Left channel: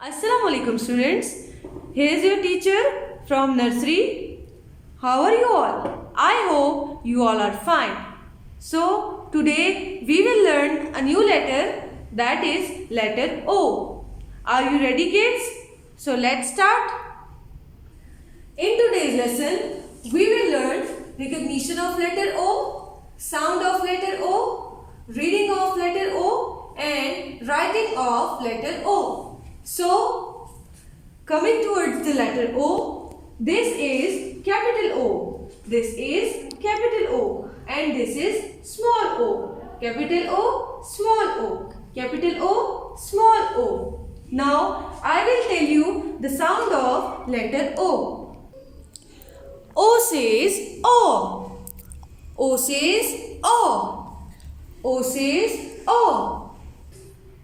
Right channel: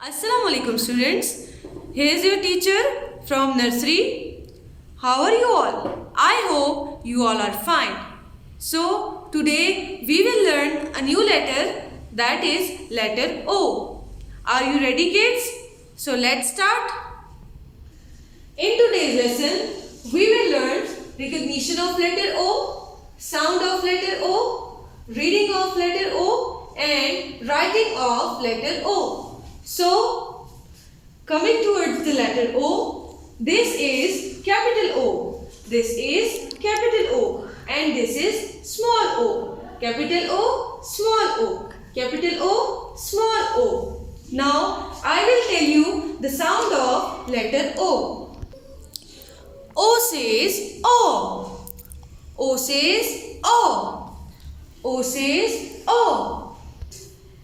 Assalamu alaikum students. Here is your teacher from nursery. How are you all? I hope you all are fine. So today we will learn a new letter, that is letter O. Are you ready kids? So let's start. In today's lesson we will learn recognition of letter O, sound of letter O, reading of letter O and writing of letter O. So, coming towards the letter O, this is capital O, this is capital O and this is small o. Capital O, small o, capital O, small o. Now, I will tell you the sound of letter O. O says O. O says O. O says O.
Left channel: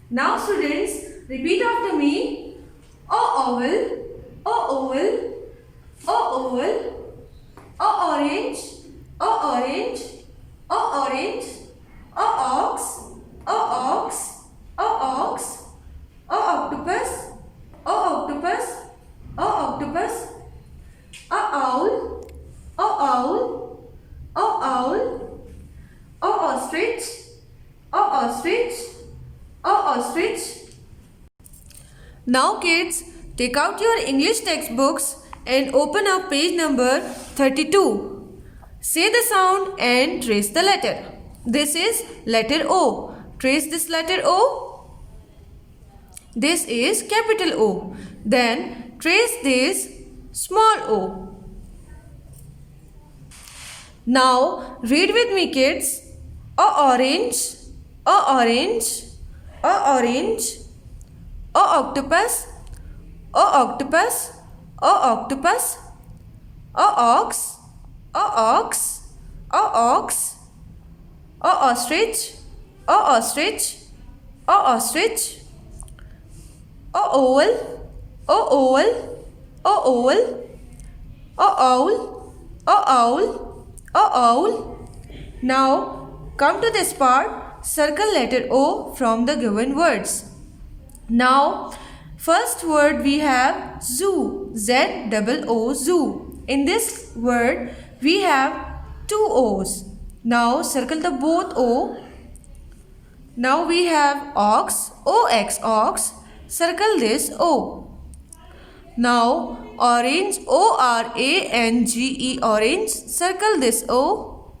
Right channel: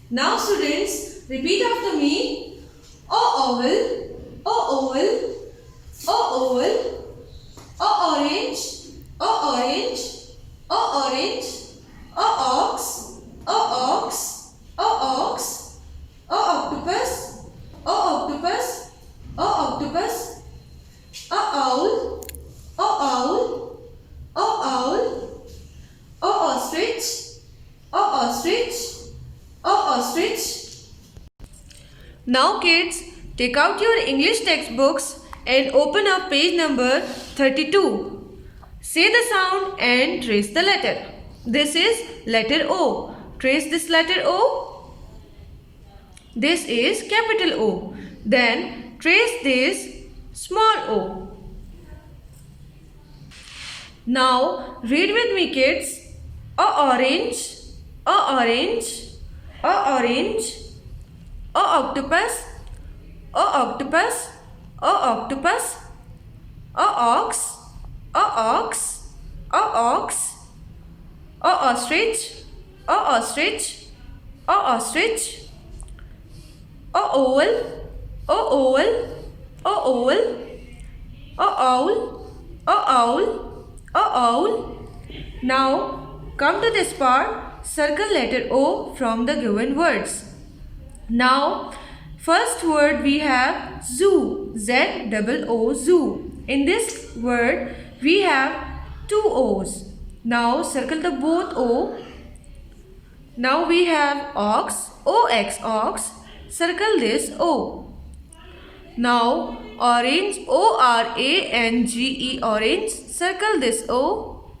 Now students, repeat after me. O oval, O oval, O oval, O orange, O orange, O orange, O ox, O ox, O ox, O octopus, O octopus, O octopus, O owl, O owl, O owl, O ostrich, O ostrich, O ostrich. Now kids, take out your English textbooks and open up page number 32. Say the sound and trace the letter. This is letter O. Trace this letter O. This is capital O. Then trace this small o. Now read with me kids. O orange, O orange, O orange, O octopus, O octopus, O octopus, O ox, O ox, O ox, O ostrich, O ostrich, O ostrich, O owl, O owl, O owl, O owl, O owl, O owl. Now come to this part, circle letter O from the given words. Now, first word we have zoo, Z-O-O, zoo. In this word, we have two O's. Now, circle the both O. Now, we have ox, O-X, ox. Circle this O. Now, orange, O-R-A-N-G-E, orange. Circle this O.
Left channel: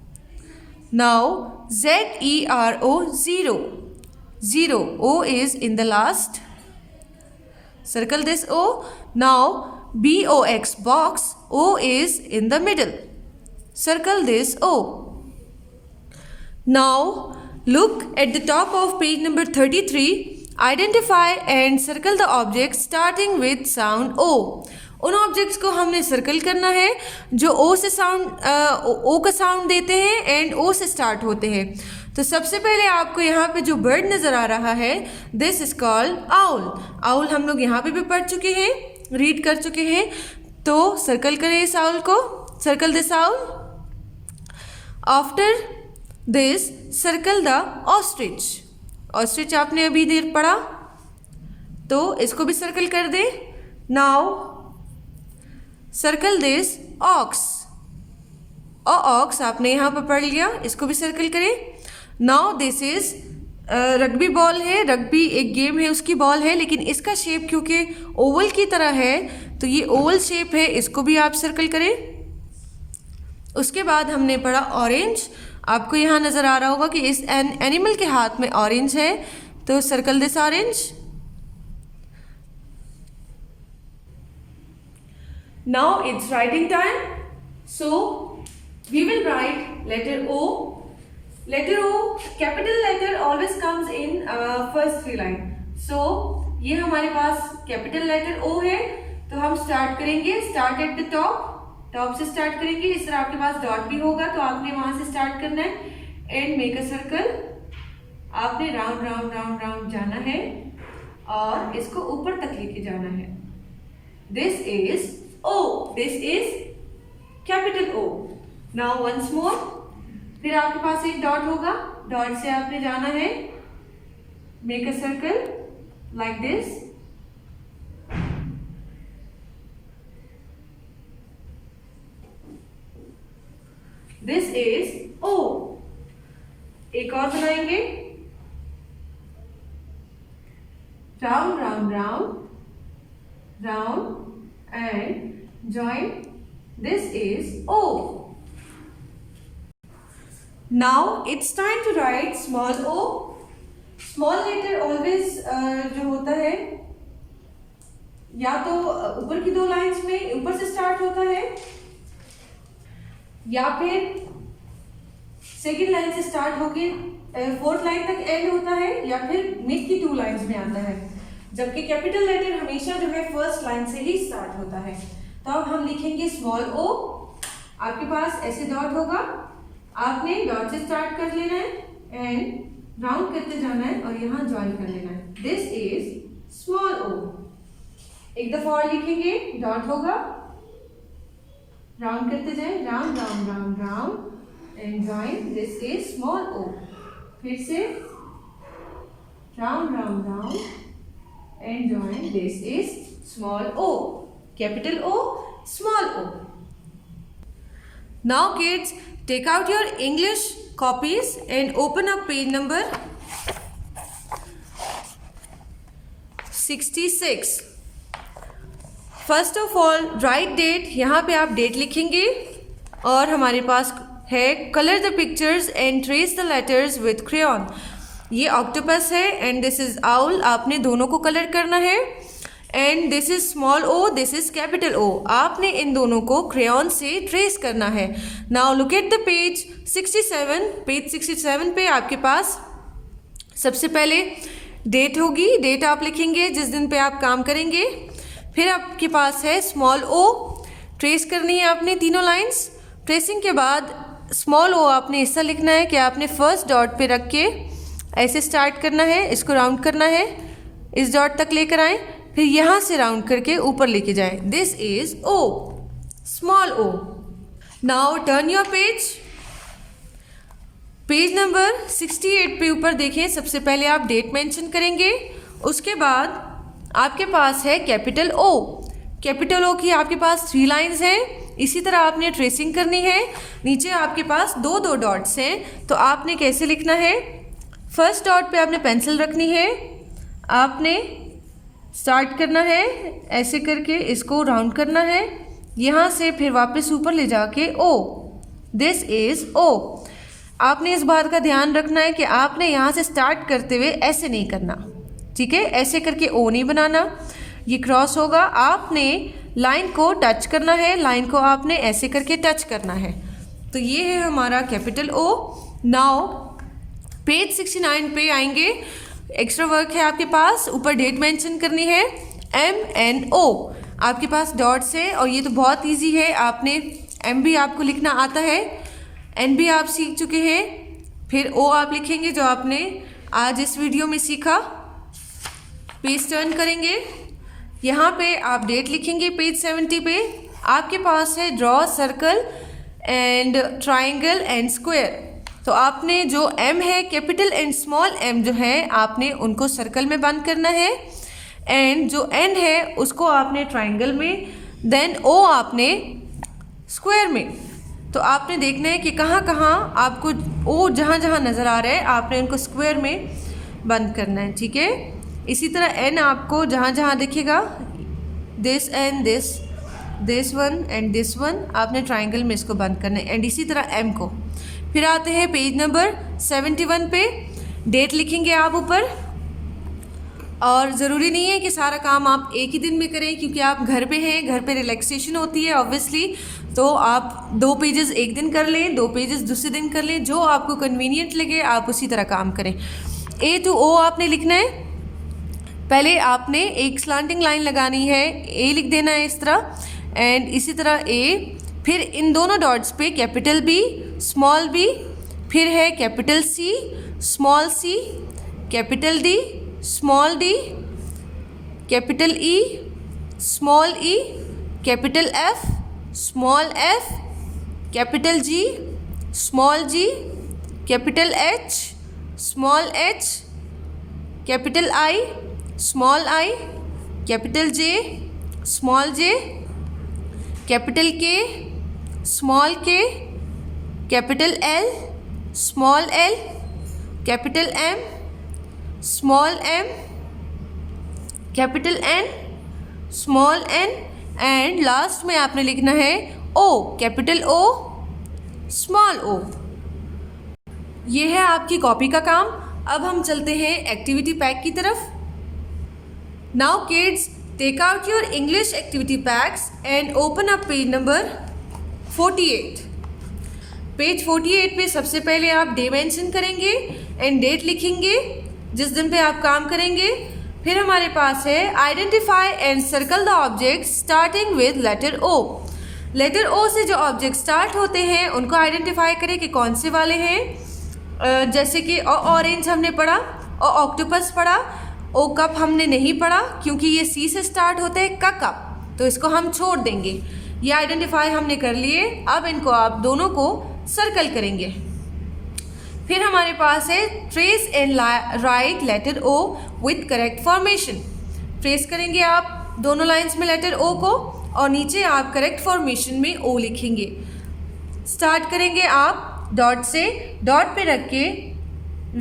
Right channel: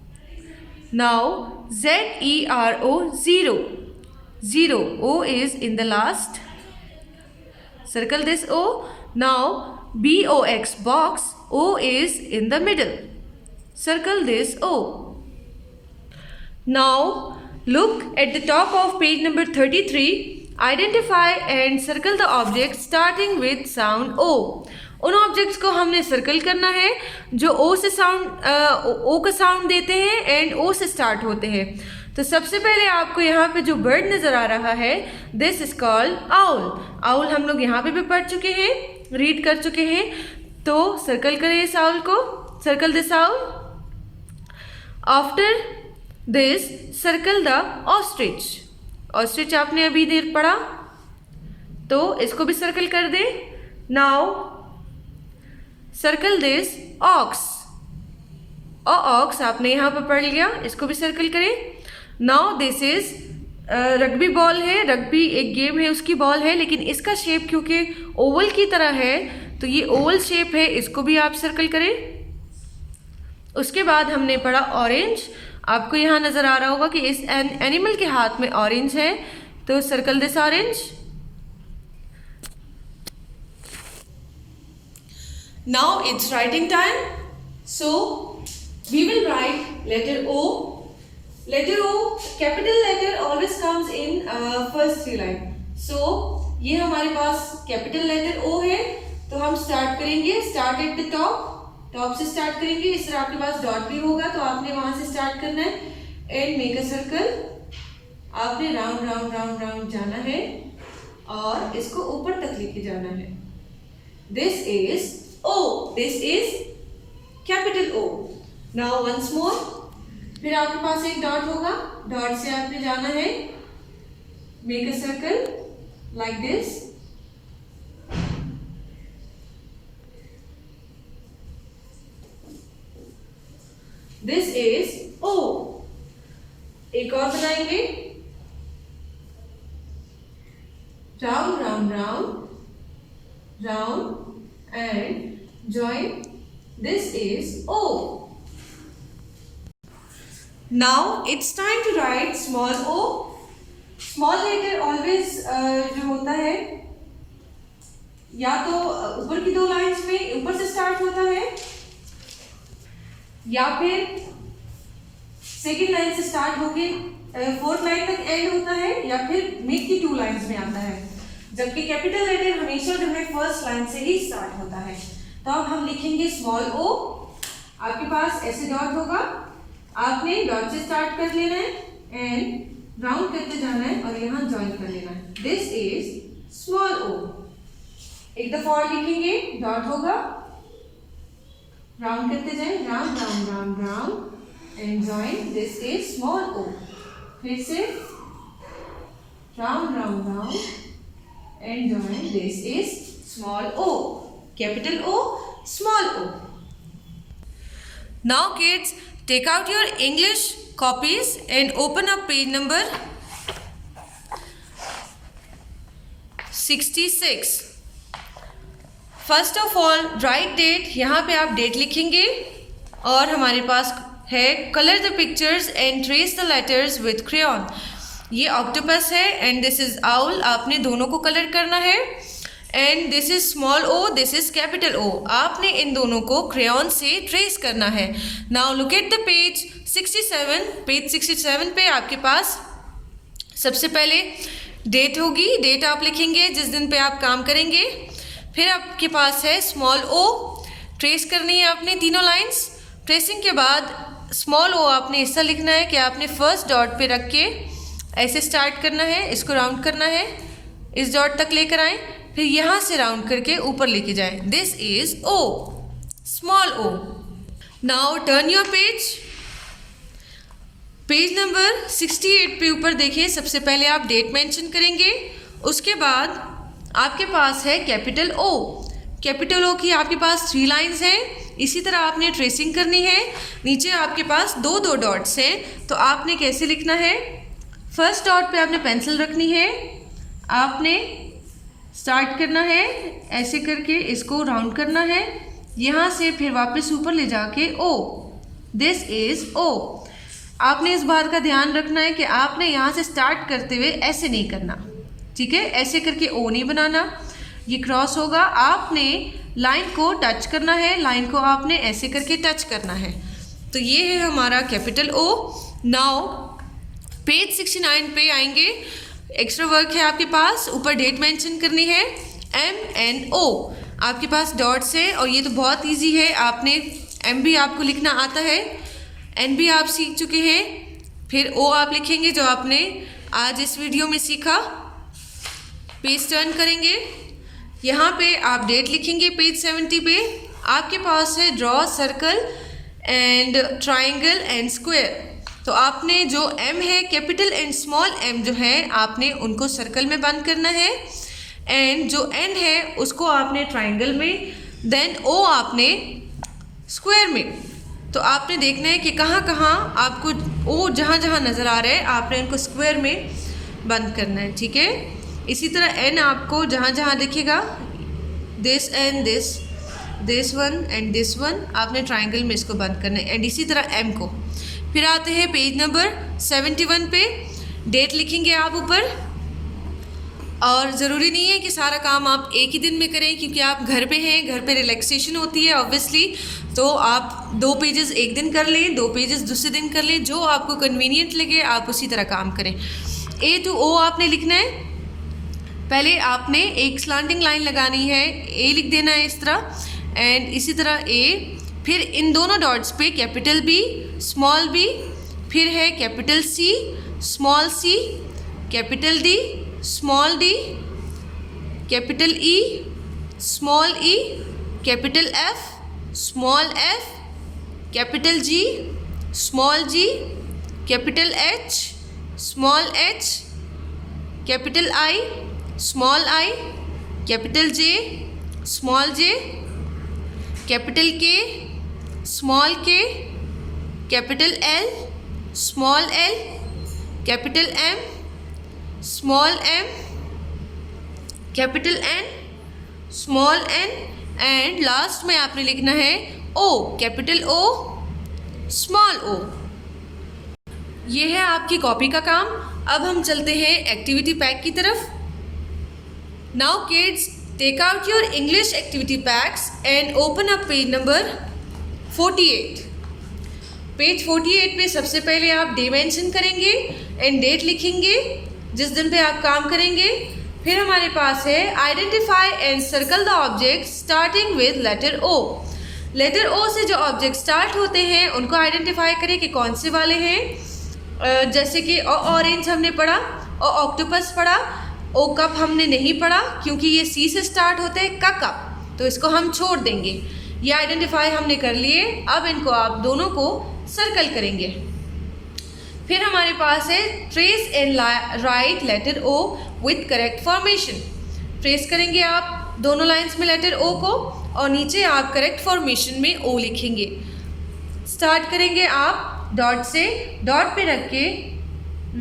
Now, Z-E-R-O, zero. 0. O is in the last. Circle this O. Now BOX, box. O is in the middle. Circle this O. Now look at the top of page number 33. Identify and circle the objects starting with sound O. उन objects को हमने circle करना है जो ओ से sound ओ का sound देते हैं एंड ओ से स्टार्ट होते हैं. तो सबसे पहले आपको यहाँ पे जो बर्ड नज़र आ रहा है, this is called owl. Owl हम लोग यहाँ पे भी पढ़ चुके हैं, रीड कर चुके हैं. तो सर्कल करें इस आउल को. Circle this owl. After this circle the ostrich. Ostrich आपने अभी देर पढ़ा, तो इसको भी सर्कल कर दे. Now circle this ox. Ox आपने यहाँ पर पढ़ लिया, इसको भी सर्कल करें. Now this is rugby ball है. रग्बी एक गेम है, उसकी बॉल है, लेकिन इसका शेप क्योंकि ओवल की तरह है तो ये ओवल शेप है, इसको भी आप सर्कल करें. उसके बाद हमने पढ़ा ऑरेंज. आपको यहाँ नज़र आ रहा होगा कि इस एनिमल के हाथ में ऑरेंज है, तो circle this orange. Now it's writing time. So we will write letter O. Letter O, capital letter always comes in first three line. So ये हमारे पास capital letter O है, तो हम start करेंगे. Start at the top. Top से start करेंगे. इस तरह आपके पास dot भी होगा, तो आपने वहाँ से start करना है. And make a circle. आपने round round round round जाना है और इसको ऊपर तक लेके जाना है. This is O. This is capital O. Now once more. फिर आपके पास एक डॉट होगा, डॉट से आपने जाना है. Make a circle like this. round, round, round and join. This is O. Now it's time to write small o. Small letter always जो होता है या तो ऊपर की दो लाइंस में ऊपर से स्टार्ट होता है या फिर सेकेंड लाइन से स्टार्ट होके फोर्थ लाइन तक एंड होता है या फिर मिड की टू लाइंस में आता है, जबकि कैपिटल लेटर हमेशा जो है फर्स्ट लाइन से ही स्टार्ट होता है। तो अब हम लिखेंगे स्मॉल ओ। आपके पास ऐसे डॉट होगा, आपने डॉट से स्टार्ट कर लेना है एंड राउंड करते जाना है और यहाँ ज्वाइन कर लेना है। This is small O. एक दफा और लिखेंगे, डॉट होगा, राउंड करते जाए, round round round round and join. This is small O. फिर से round round round and join. This is small O. Capital O, small o. Now kids, take out your English copies and open up page number 66. First of all, write date. यहाँ पे आप date लिखेंगे और हमारे पास है color the pictures and trace the letters with crayon. ये octopus है एंड दिस इज आउल। आपने दोनों को कलर करना है and this is small O, this is capital O. आपने इन दोनों को क्रेयॉन से ट्रेस करना है। Now look at the page 67। Page 67 पे आपके पास सबसे पहले डेट होगी। डेट आप लिखेंगे जिस दिन पे आप काम करेंगे। फिर आपके पास है स्मॉल ओ, ट्रेस करनी है आपने तीनों लाइंस। ट्रेसिंग के बाद स्मॉल ओ आपने ऐसा लिखना है कि आपने फर्स्ट डॉट पे रख के ऐसे स्टार्ट करना है, इसको राउंड करना है, इस डॉट तक लेकर आए, फिर यहाँ से राउंड करके ऊपर लेके जाए। This is O, small O. Now turn your page. Page number 68 पे ऊपर देखिए, सबसे पहले आप डेट मेंशन करेंगे, उसके बाद आपके पास है कैपिटल ओ। कैपिटल ओ की आपके पास 3 लाइंस हैं। इसी तरह आपने ट्रेसिंग करनी है। नीचे आपके पास दो दो डॉट्स हैं, तो आपने कैसे लिखना है, फर्स्ट डॉट पे आपने पेंसिल रखनी है, आपने स्टार्ट करना है ऐसे करके, इसको राउंड करना है, यहाँ से फिर वापस ऊपर ले जाके ओ। दिस इज ओ। आपने इस बात का ध्यान रखना है कि आपने यहाँ से स्टार्ट करते हुए ऐसे नहीं करना, ठीक है, ऐसे करके ओ नहीं बनाना, ये क्रॉस होगा। आपने लाइन को टच करना है, लाइन को आपने ऐसे करके टच करना है। तो ये है हमारा कैपिटल ओ। नाउ पेज 69 पे आएंगे। एक्स्ट्रा वर्क है आपके पास, ऊपर डेट मेंशन करनी है, MNO। आपके पास डॉट्स है और ये तो बहुत इजी है, आपने M भी आपको लिखना आता है, N भी आप सीख चुके हैं, फिर O आप लिखेंगे जो आपने आज इस वीडियो में सीखा। पेज टर्न करेंगे, यहाँ पे आप डेट लिखेंगे। पेज 70 पे आपके पास है draw circle and triangle and square. तो आपने जो M है, कैपिटल एंड स्मॉल m जो है, आपने उनको सर्कल में बंद करना है एंड जो N है उसको आपने ट्राइंगल में, देन O आपने स्क्वायर में। तो आपने देखना है कि कहाँ कहाँ आपको O जहाँ जहाँ नज़र आ रहा है आपने उनको स्क्वायर में बंद करना है, ठीक है। इसी तरह N आपको जहाँ जहाँ दिखेगा, this and this one and this one, आपने ट्राइंगल में इसको बंद करना है एंड इसी तरह M को। फिर आते हैं पेज नंबर 71 पे, डेट लिखेंगे आप ऊपर। और ज़रूरी नहीं है कि सारा काम आप एक ही दिन में करें, क्योंकि आप घर पे हैं, घर पे रिलैक्सेशन होती है ऑब्वियसली। तो आप 2 पेजेस एक दिन कर लें, 2 पेजेस दूसरे दिन कर लें, जो आपको कन्वीनियंट लगे आप उसी तरह काम करें। A to O आपने लिखना है। पहले आपने एक स्लैंटिंग लाइन लगानी है, A लिख देना है इस तरह एंड इसी तरह A। फिर इन दोनों डॉट्स पे कैपिटल B, स्मॉल b, फिर है capital C, small c, capital D, small d, capital E, small e, capital F, small f, capital G, small g, capital H, small h, capital I, small i, capital J, small j, capital K, small k, capital L, small l, capital M, small m, capital N, small N and last में आपने लिखना है ओ, capital ओ, small ओ। ये है आपकी copy का काम। अब हम चलते हैं एक्टिविटी पैक की तरफ। Now kids, take out your English activity packs and open up page number 48। Page 48 पे सबसे पहले आप डे मेंशन करेंगे एंड डेट लिखेंगे जिस दिन पे आप काम करेंगे। फिर हमारे पास है identify and circle the object starting with letter O. Letter O से जो ऑब्जेक्ट स्टार्ट होते हैं उनको आइडेंटिफाई करें कि कौन से वाले हैं। जैसे कि ऑरेंज हमने पढ़ा, ऑक्टोपस पढ़ा, ओ कप हमने नहीं पढ़ा क्योंकि ये सी से स्टार्ट होते हैं, का, तो इसको हम छोड़ देंगे। ये आइडेंटिफाई हमने कर लिए। अब इनको आप दोनों को सर्कल करेंगे। फिर हमारे पास है trace and write letter O with correct formation. Trace करेंगे आप दोनों लाइंस में लेटर ओ को और नीचे आप करेक्ट फॉर्मेशन में ओ लिखेंगे। स्टार्ट करेंगे आप डॉट से, डॉट पे रख के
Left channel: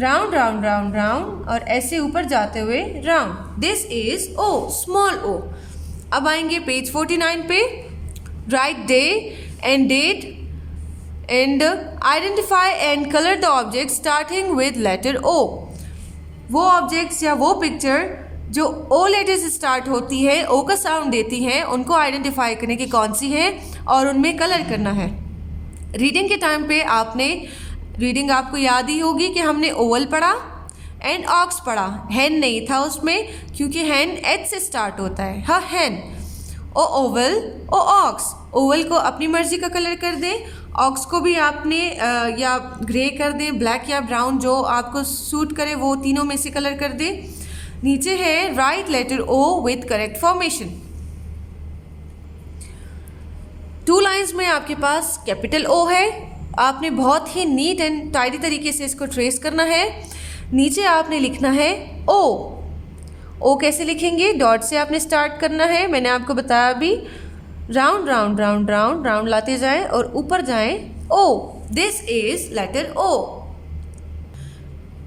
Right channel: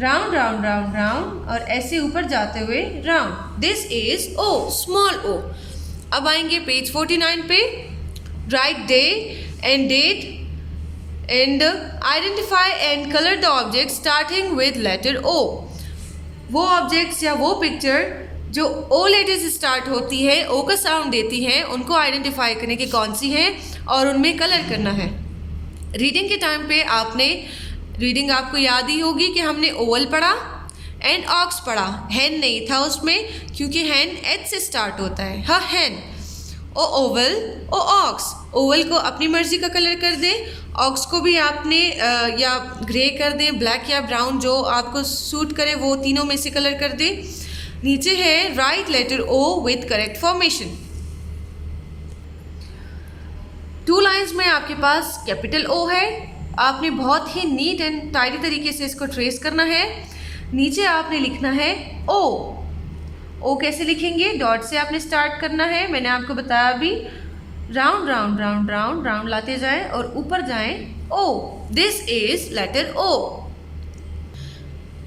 राउंड राउंड राउंड राउंड और ऐसे ऊपर जाते हुए round. This is O, small O. अब आएंगे पेज 49 पे। Write day and date and identify and colour the object starting with letter O. वो ऑब्जेक्ट्स या वो पिक्चर जो ओ लेटर से स्टार्ट होती है, ओ का साउंड देती हैं, उनको आइडेंटिफाई करने की कौन सी है और उनमें कलर करना है। रीडिंग के टाइम पे आपने रीडिंग आपको याद ही होगी कि हमने ओवल पढ़ा एंड ऑक्स पढ़ा। हैन नहीं था उसमें क्योंकि हैन एच से स्टार्ट होता है। हाँ, हैन। ओ ओवल, ओ ऑक्स। ओवल को अपनी मर्जी का कलर कर दें, ऑक्स को भी आपने या ग्रे कर दें, ब्लैक या ब्राउन, जो आपको सूट करे वो तीनों में से कलर कर दें। नीचे है write letter O with correct formation. 2 lines में आपके पास कैपिटल ओ है। आपने बहुत ही नीट एंड टाइडी तरीके से इसको ट्रेस करना है। नीचे आपने लिखना है ओ। ओ कैसे लिखेंगे? डॉट से आपने स्टार्ट करना है, मैंने आपको बताया अभी। Round round round round round लाते जाएं और ऊपर जाएं O. This is letter O.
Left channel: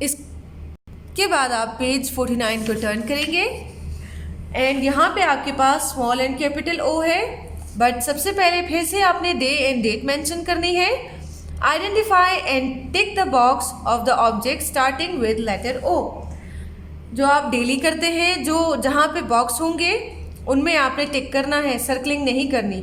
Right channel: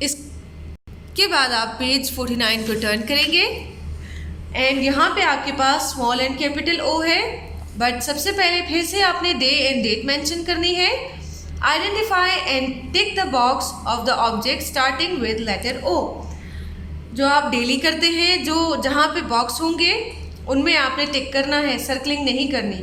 इसके बाद आप पेज 49 को टर्न करेंगे एंड यहाँ पे आपके पास स्मॉल एंड कैपिटल ओ है। बट सबसे पहले फिर से आपने डे एंड डेट मेंशन करनी है। Identify and tick the box of the object starting with letter O. जो आप डेली करते हैं, जो जहाँ पे बॉक्स होंगे उनमें आपने टिक करना है, सर्कलिंग नहीं करनी।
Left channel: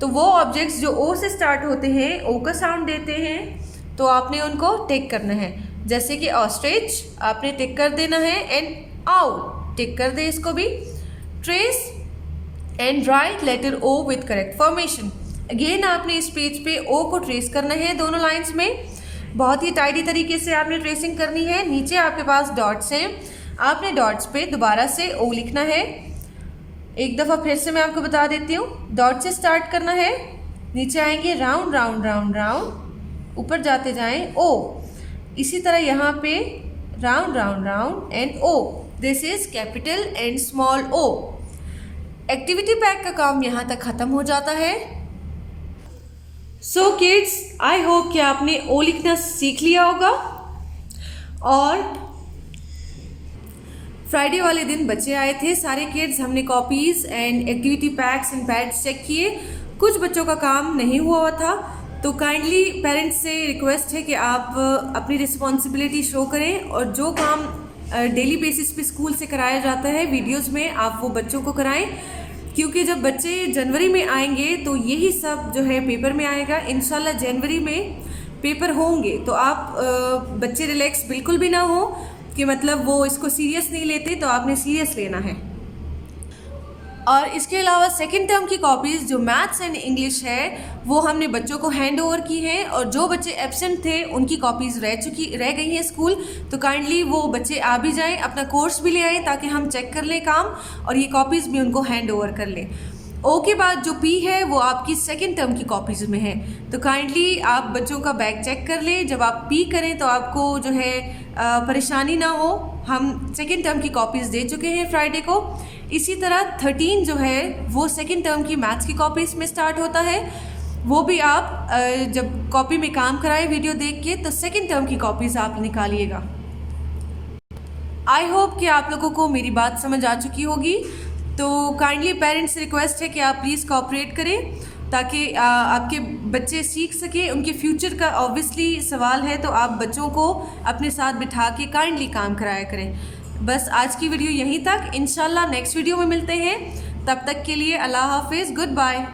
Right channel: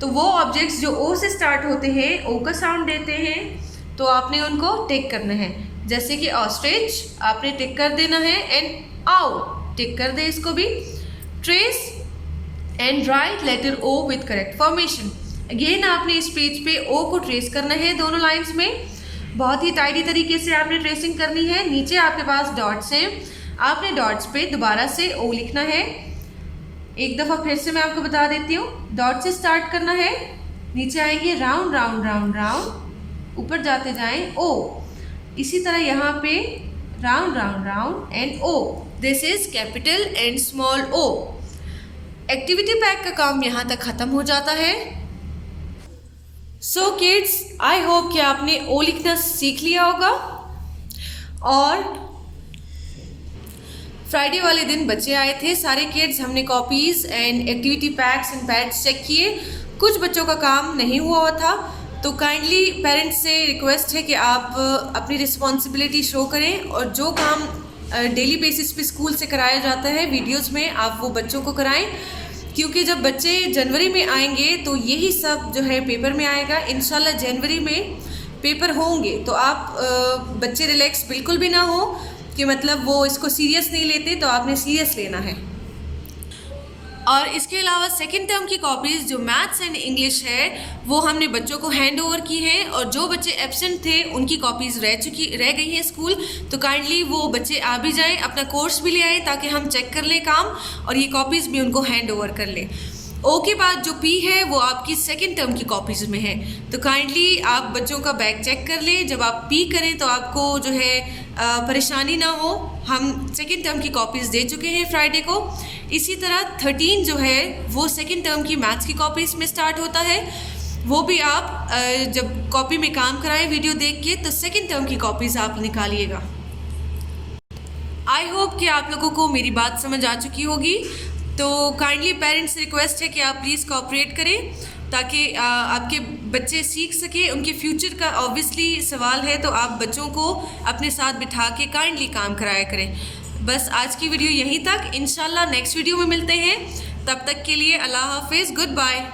तो वो ऑब्जेक्ट्स जो ओ से स्टार्ट होते हैं, ओ का साउंड देते हैं, तो आपने उनको टिक करना है। जैसे कि ऑस्ट्रिच आपने टिक कर देना है एंड आउ टिक कर दे इसको भी। Trace and write letter O with correct formation. Again आपने इस पेज पे ओ को ट्रेस करना है दोनों लाइंस में। बहुत ही टाइडी तरीके से आपने ट्रेसिंग करनी है। नीचे आपके पास डॉट्स हैं, आपने डॉट्स पे दोबारा से ओ लिखना है। एक दफ़ा फिर से मैं आपको बता देती हूँ। डॉट से स्टार्ट करना है, नीचे आएंगे राउंड राउंड राउंड राउंड, ऊपर जाते जाएं ओ। इसी तरह यहाँ पे round round round and O. This is capital and small O. Activity pack का काम यहाँ तक ख़त्म हो जाता है। सो किड्स, आई होप कि आपने ओ लिखना सीख लिया होगा। और फ्राइडे वाले दिन बच्चे आए थे, सारे किड्स, हमने copies and activity packs and pads check किए। कुछ बच्चों का काम नहीं हुआ था, तो काइंडली पेरेंट्स से रिक्वेस्ट है कि आप अपनी रिस्पॉन्सिबिलिटी शो करें और जो काम डेली बेसिस पे स्कूल से कराया जाता है वीडियोस में, आप वो बच्चों को कराएं। क्योंकि जब बच्चे जनवरी में आएंगे तो यही सब जो है पेपर में आएगा। इंशाल्लाह जनवरी में पेपर होंगे, तो आप बच्चे रिलैक्स बिल्कुल भी ना हो कि मतलब वो इसको सीरियस नहीं लेते, तो आपने सीरियस लेना है। और इसके अलावा सेकेंड टर्म की कॉपीज़ जो मैथ्स एंड इंग्लिश है वो हमने बच्चों को हैंड ओवर की हैं, और जो बच्चे एब्सेंट थे उनकी कॉपीज़ रह गई हैं स्कूल, तो काइंडली वो बच्चे आ भी जाएं, अपना कोर्स भी ले आएँ ताकि हम चेक कर लें काम और ये कॉपीज़ भी उनको हैंड ओवर कर लें। ओ के बाद जो पी है वो आपकी सेकेंड टर्म की कॉपीज़ में है, तो काइंडली आप बच्चों का बैग चेक कर लें। जब आप पी करें तो आपको जो है परेशानी ना हो। हम सेकेंड टर्म की कॉपीज़ दे चुके हैं फ्राइडे को। इसी तरह 13 जो है वो सेकेंड टर्म की मैथ्स की कॉपीज़ में स्टार्ट होता है। वो भी आप जब कॉपी में काम कराएं वीडियो देख के, तो सेकेंड टर्म की कॉपीज़ आप निकालिएगा। आई होप कि आप लोगों को मेरी बात समझ आ चुकी होगी। तो काइंडली पेरेंट्स से रिक्वेस्ट है कि आप प्लीज़ कोऑपरेट करें ताकि आपके बच्चे सीख सके। उनके फ्यूचर का ऑब्वियसली सवाल है, तो आप बच्चों को अपने साथ बिठा के काइंडली काम कराया करें। बस आज की वीडियो यहीं तक, इंशाल्लाह नेक्स्ट वीडियो में मिलते हैं। तब तक के लिए अल्लाह हाफिज़, गुड बाय।